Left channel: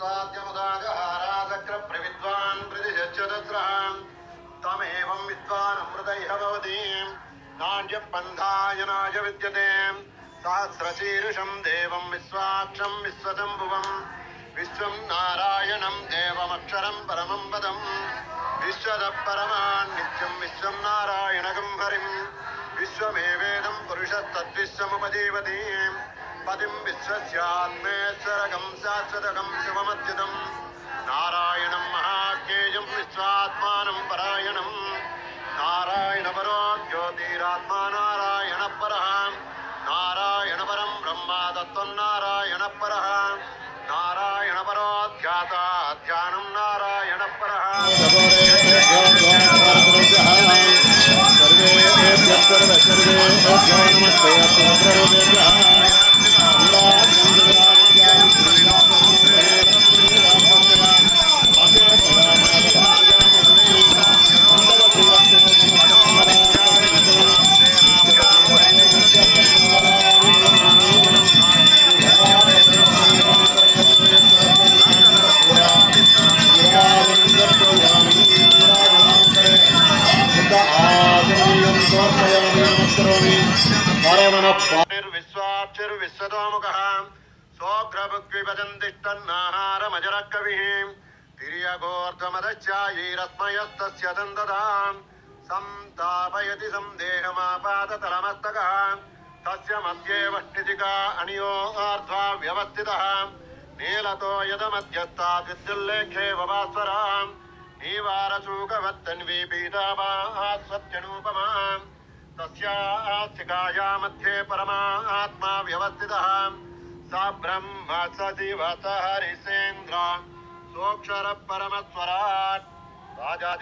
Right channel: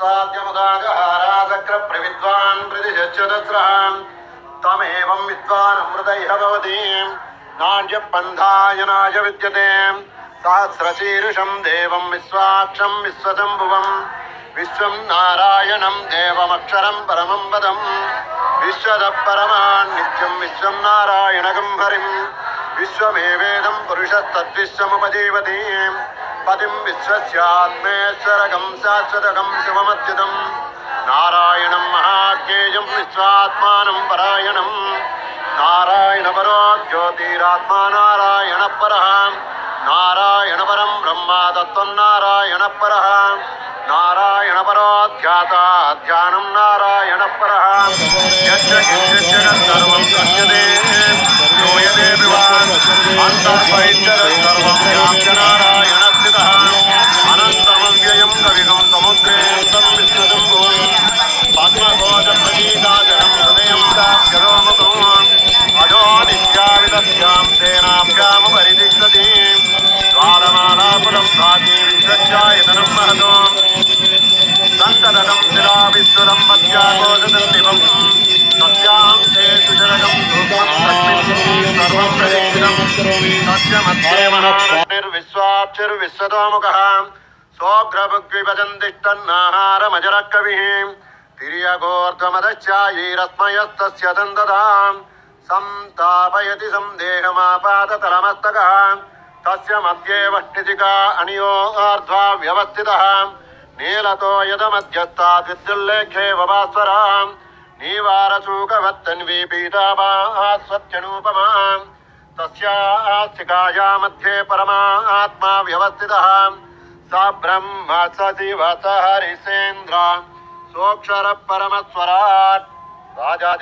तमुदाजहाराचक्र प्रविद्वान् प्रतिशच्यतस्रः तमेवं विद्वान् अमृतैः भवति नाड्यपन्थायनाय विद्यते सहस्रशीर्षं देवं विश्वाक्षं विश्वशम्भुवं विश्वं नारायणं देवमक्षरं परमं पदं विश्वतः परमान् नित्यं विश्वं नारायणगं हरिं विश्वमेवेदं पुरुषस्तद्विश्वमुपजीवति पतिं विश्वस्यात्मेश्वरगं शाश्वतगं शिवमच्युतं नारायणं महाज्ञेयं विश्वात्मानं परायणं नारायणपरो ज्योतिरात्मा नारायणपरः नारायणपरं ब्रह्मा तत्त्वं नारायणपरः नारायणपरो ध्याता ध्यानं नारायणपरः विश्वतोमुखः सोऽग्रभुग्विभजन्तिष्ठन्नाहारमजरकविः तिर्यगोर्ध्वमदश्चायैरस्मयस्तस्य दन्दतां संतापयति सन्देहमापादतलमस्तकः तस्य मध्ये वष्टिजिका अनियोर्ध्वा व्यवस्थितः नीलतो यदमध्यस्तात् विद्युल्लेखे वभास्वरां नीवारशूकवत्तन्वी पीताभास्वत्यनूपमा तस्यास्तिकाया मध्ये परमात्मा व्यवस्थितः स ब्रह्म स शिव स हरिसेन्द्र सोऽक्षरः परमस्वराट् राजा